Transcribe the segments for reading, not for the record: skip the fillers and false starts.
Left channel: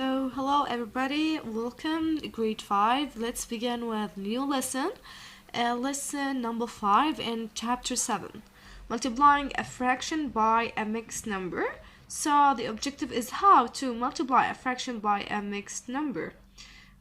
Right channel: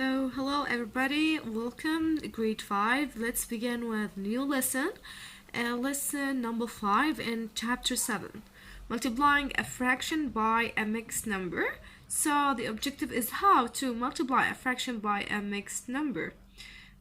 So, hello everybody, welcome grade 5. Let's begin with new lesson. Lesson number 5 in chapter 7. Multiplying a fraction by a mixed number. So, the objective is how to multiply a fraction by a mixed number.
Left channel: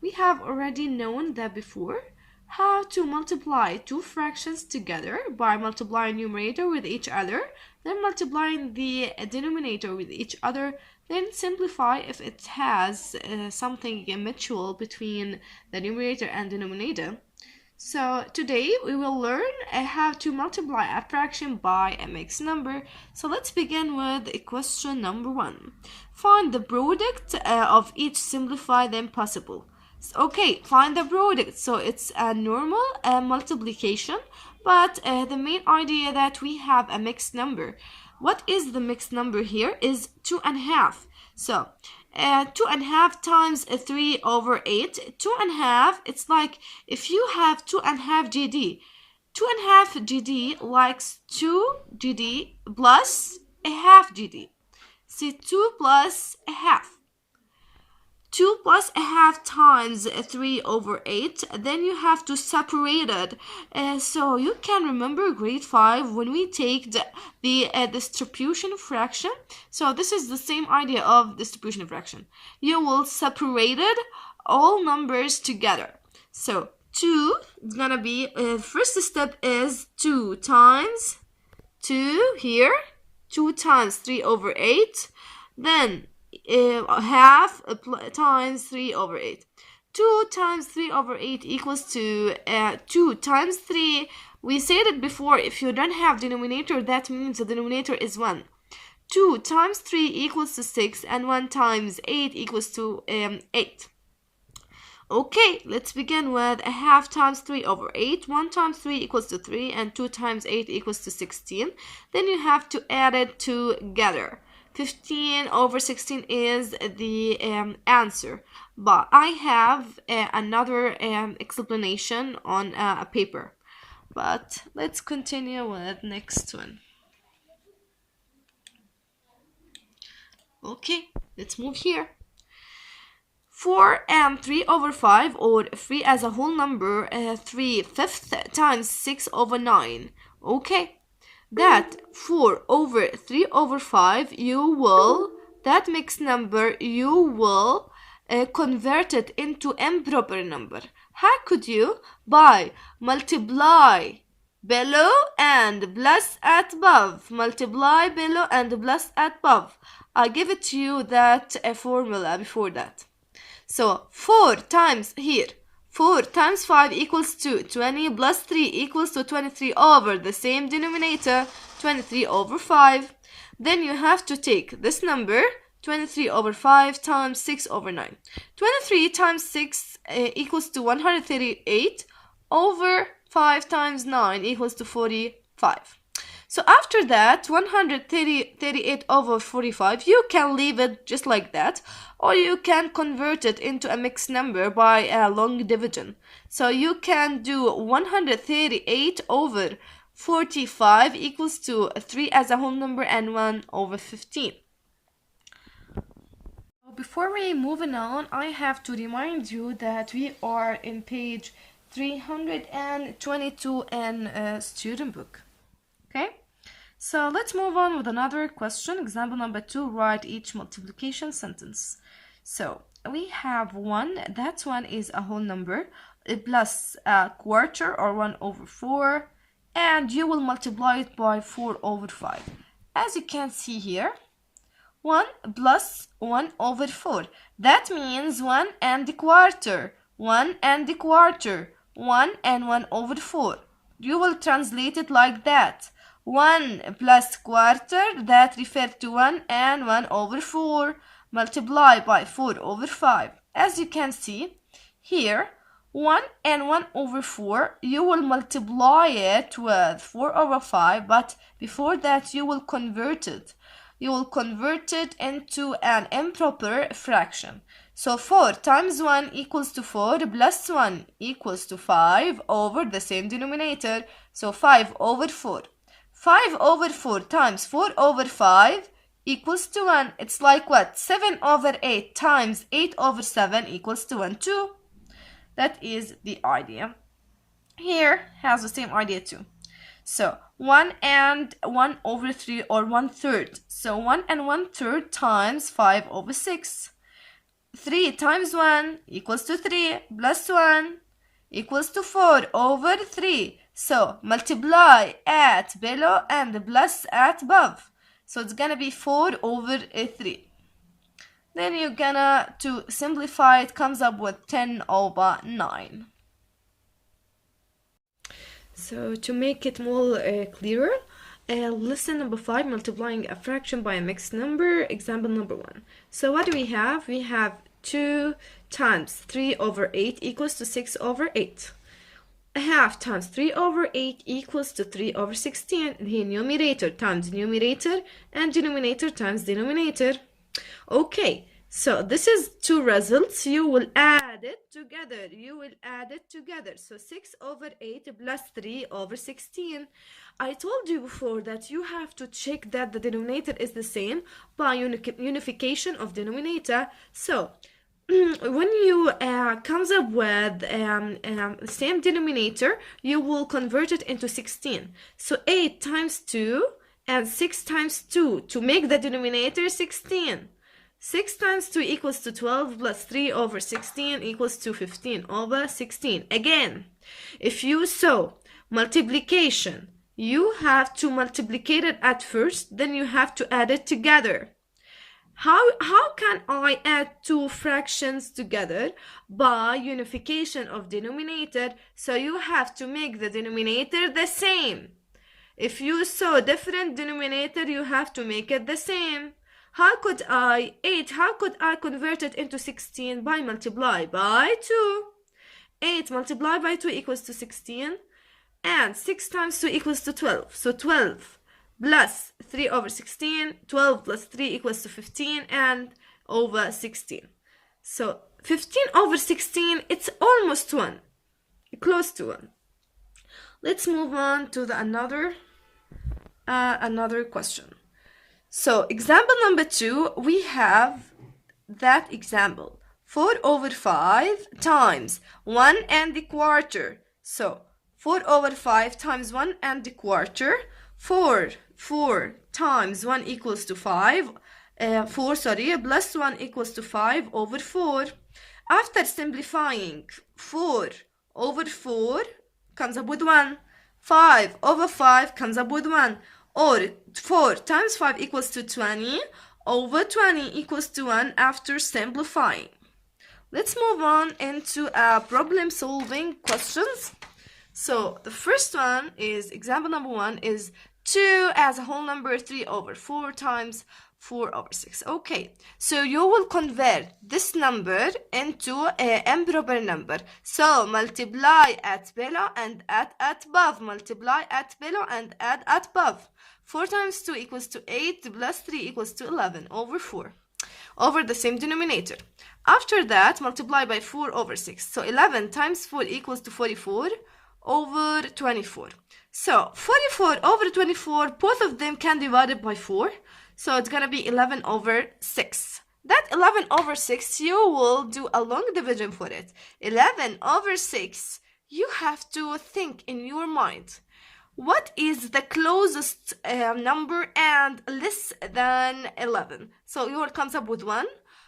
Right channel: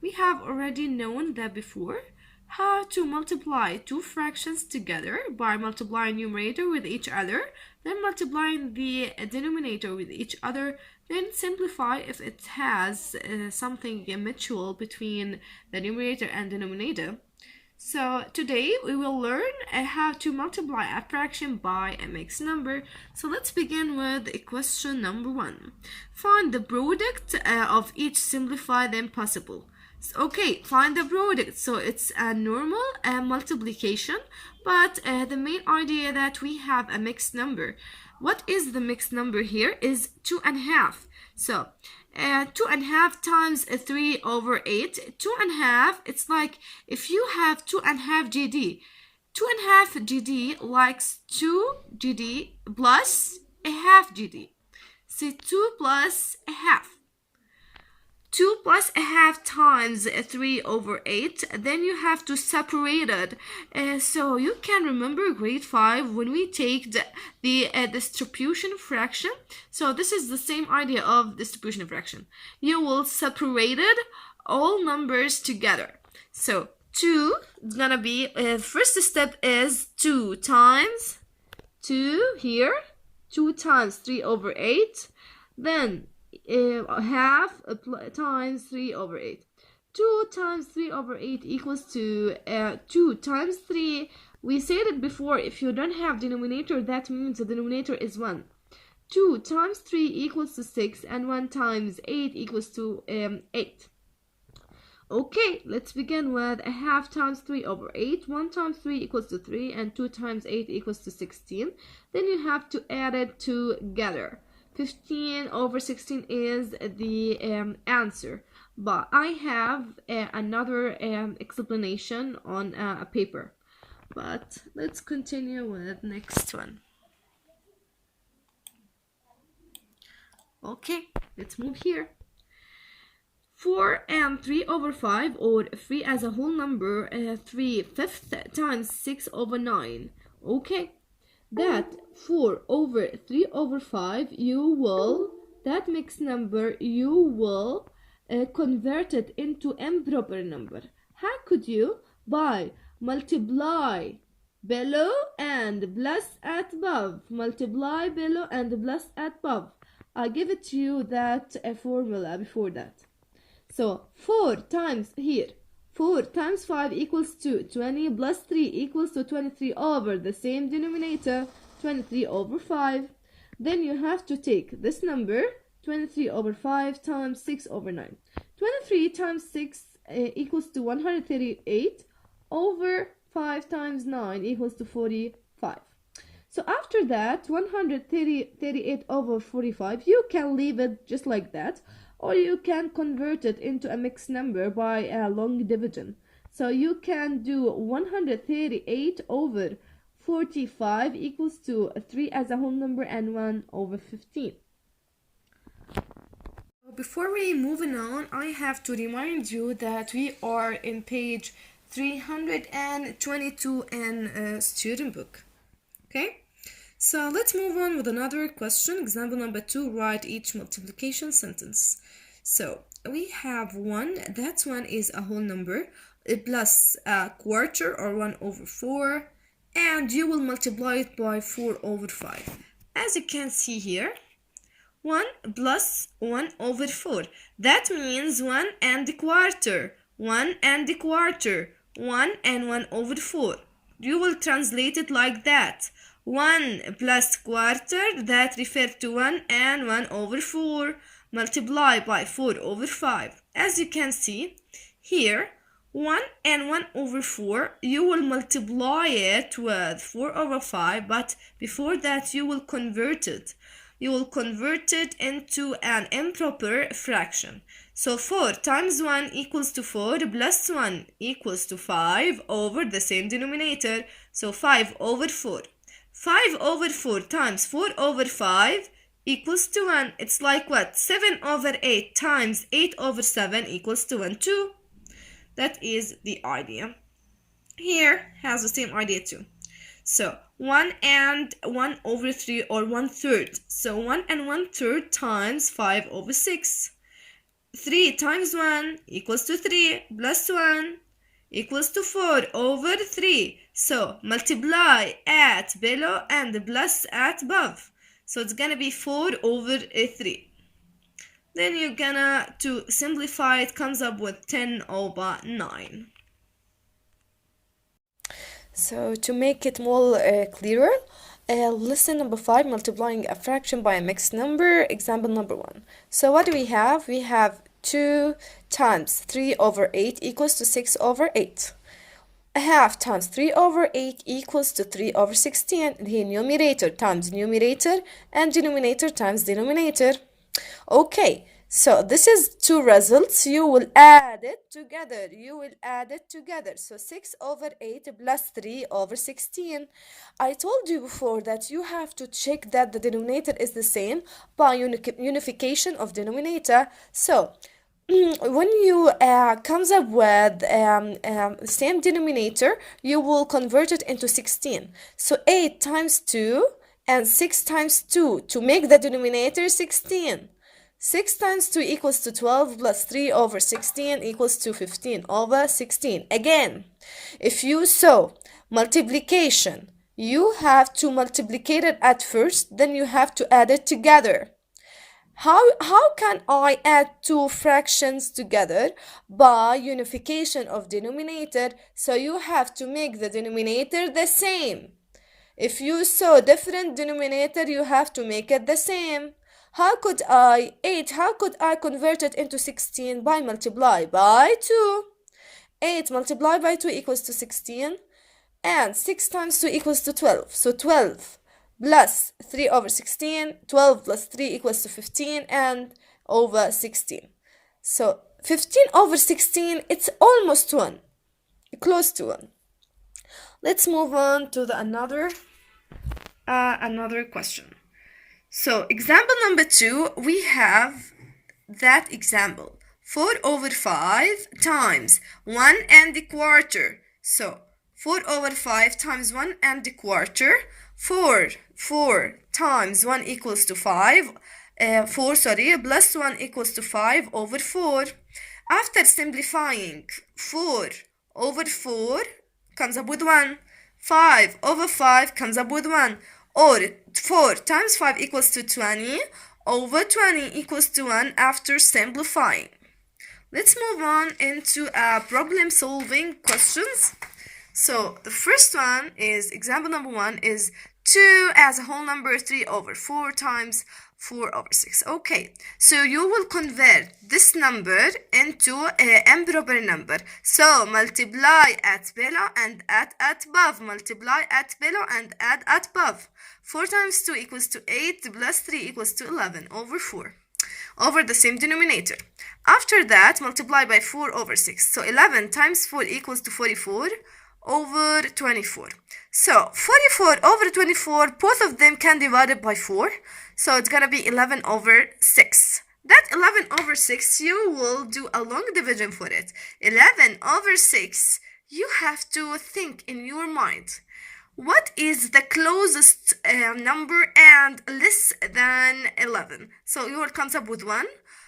We have already known that before. How to multiply two fractions together by multiplying numerator with each other, then multiplying the denominator with each other, then simplify if it has something mutual between the numerator and denominator. So today we will learn how to multiply a fraction by a mixed number. So let's begin with question number 1. Find the product of each, simplify them possible. Okay, find the product. So it's a normal multiplication, but the main idea that we have a mixed number. What is the mixed number here is 2.5. So 2.5 times 3 over 8. 2.5, it's like if you have 2.5 GD. 2.5 GD likes 2 GD plus a half GD. See, 2 plus a half. 2 plus a half times 3 over 8, then you have to separate it. So you can remember grade 5 when we take the distribution fraction. So this is the same idea of distribution fraction. You will separate all numbers together. So 2 is gonna be, first step is 2 times 2 here, 2 times 3 over 8, then half times 3 over 8. 2 times 3 over 8 equals to 2 times 3. We said it before, if you don't have denominator, that means the denominator is 1. 2 times 3 equals to 6, and 1 times 8 equals to 8. Okay, let's begin with a half times 3 over 8. 1 times 3 equals to 3, and 2 times 8 equals to 16. Then you have to add it together. 15 over 16 is the answer, but I have another explanation on a paper. But let's continue with next one. Okay, let's move here. 4 and 3 over 5, or 3 as a whole number, 3/5 times 6 over 9. Okay. That 4 over 3 over 5, that mixed number, you will convert it into improper number. How could you? By multiply below and plus at above. Multiply below and plus at above. I give it to you that formula before that. So 4 times here. 4 times 5 equals to 20 plus 3 equals to 23 over the same denominator, 23 over 5. Then you have to take this number, 23 over 5 times 6 over 9. 23 times 6 equals to 138 over 5 times 9 equals to 45. So after that, 138 over 45, you can leave it just like that, or you can convert it into a mixed number by a long division. So you can do 138 over 45 equals to 3 as a whole number and 1 over 15. Before we move on, I have to remind you that we are in page 322 in student book. Okay? So let's move on with another question. Example number 2, write each multiplication sentence. So we have 1, that 1 is a whole number, plus a quarter or 1 over 4, and you will multiply it by 4 over 5. As you can see here, 1 plus 1 over 4. That means 1 and a quarter, 1 and a quarter, 1 and 1 over 4. You will translate it like that. 1 plus quarter, that refers to 1 and 1 over 4, multiply by 4 over 5. As you can see here, 1 and 1 over 4, you will multiply it with 4 over 5, but before that you will convert it. You will convert it into an improper fraction. So 4 times 1 equals to 4 plus 1 equals to 5 over the same denominator, so 5 over 4. 5 over 4 times 4 over 5 equals to 1. It's like what? 7 over 8 times 8 over 7 equals to 1, 2. That is the idea. Here has the same idea too. So 1 and 1 over 3, or 1/3. So 1 and 1/3 times 5 over 6. 3 times 1 equals to 3 plus 1 equals to 4 over 3. So multiply at below and plus at above. So it's gonna be 4 over 3. Then you're gonna, to simplify it, comes up with 10 over 9. So to make it more clearer, lesson number 5, multiplying a fraction by a mixed number, example number 1. So what do we have? We have 2 times 3 over 8 equals to 6 over 8. A half times 3 over 8 equals to 3 over 16. The numerator times numerator and denominator times denominator. Okay, so this is two results. You will add it together. So 6 over 8 plus 3 over 16. I told you before that you have to check that the denominator is the same by unification of denominator. So when you comes up with same denominator, you will convert it into 16. So 8 times 2 and 6 times 2 to make the denominator 16. 6 times 2 equals to 12 plus 3 over 16 equals to 15 over 16. Again, if you saw multiplication, you have to multiplicate it at first, then you have to add it together. How can I add two fractions together? By unification of denominator. So you have to make the denominator the same. If you saw different denominator, you have to make it the same. How could I convert it into 16? By multiply by 2. 8 multiplied by 2 equals to 16. And 6 times 2 equals to 12. So 12 plus 3 over 16. 12 plus 3 equals to 15 and over 16. So 15 over 16, it's almost 1. Close to 1. Let's move on to the another question. So example number 2, we have that example. 4 over 5 times 1 and a quarter. So 4 over 5 times 1 and a quarter. 4 times 1 equals to 5. 4 plus 1 equals to 5 over 4. After simplifying, 4 over 4 comes up with 1. 5 over 5 comes up with 1. Or 4 times 5 equals to 20 over 20 equals to 1 after simplifying. Let's move on into problem solving questions. So the first one is, example number 1 is 2 as a whole number, 3 over 4 times 4 over 6. Okay, so you will convert this number into an improper number. So multiply at below and add at above. Multiply at below and add at above. 4 times 2 equals to 8 plus 3 equals to 11 over 4 over the same denominator. After that, multiply by 4 over 6. So 11 times 4 equals to 44 over 24. So 44 over 24, both of them can divide it by 4. So it's gonna be 11 over 6. That 11 over 6, you will do a long division for it. 11 over 6, you have to think in your mind, what is the closest number and less than 11? So you will come up with 1.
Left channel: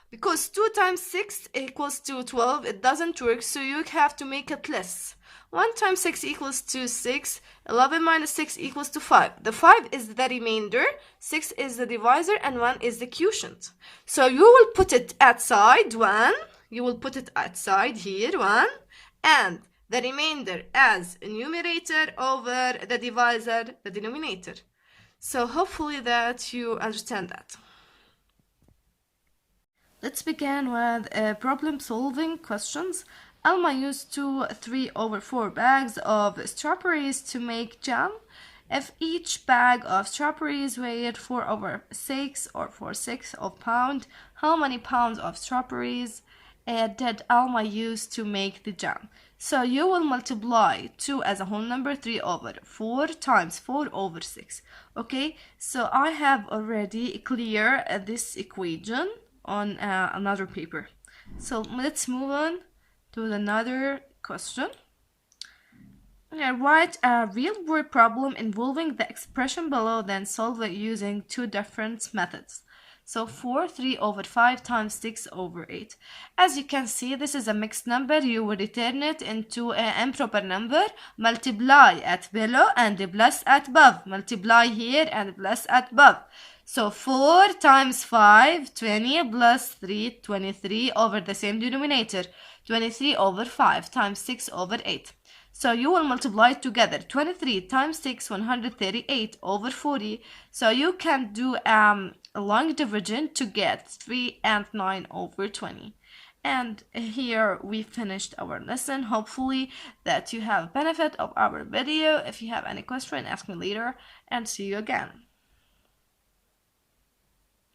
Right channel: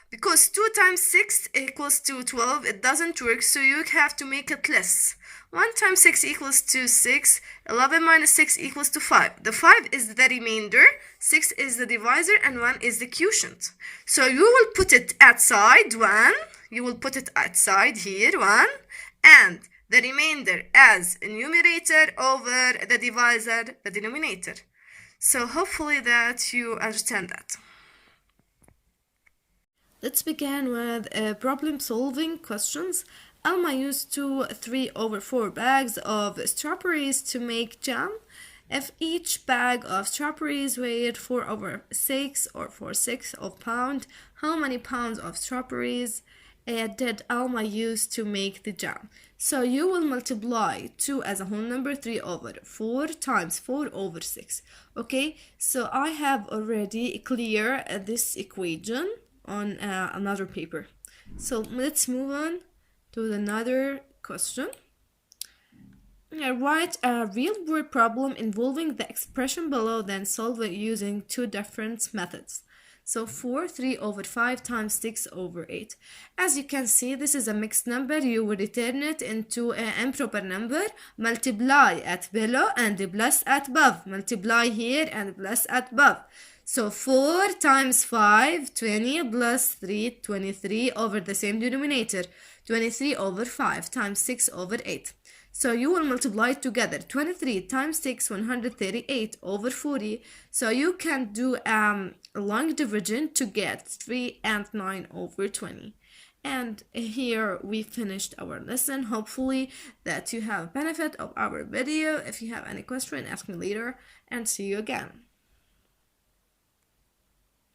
Because 2 times 6 equals to 12, it doesn't work, so you have to make it less. 1 times 6 equals to 6. 11 minus 6 equals to 5. The 5 is the remainder, 6 is the divisor, and 1 is the quotient. So you will put it outside 1. You will put it outside here 1. And the remainder as a numerator over the divisor, the denominator. So hopefully that you understand that. Let's begin with problem solving questions. Alma used 3 over 4 bags of strawberries to make jam. If each bag of strawberries weighed 4 over 6 or 4/6 of pound, how many pounds of strawberries did Alma use to make the jam? So you will multiply 2 as a whole number, 3 over 4 times 4 over 6. Okay, so I have already clear this equation on another paper. So let's move on to another question. Write a real-world problem involving the expression below, then solve it using two different methods. So 3 over 5 times 6 over 8. As you can see, this is a mixed number. You will return it into an improper number. Multiply at below and plus at above. Multiply here and plus at above. So 4 times 5, 20 plus 3, 23 over the same denominator. 23 over 5 times 6 over 8. So you will multiply together. 23 times 6, 138 over 40. So you can do a long division to get 3 and 9 over 20. And here we finished our lesson. Hopefully that you have benefit of our video. If you have any question, ask me later, and see you again.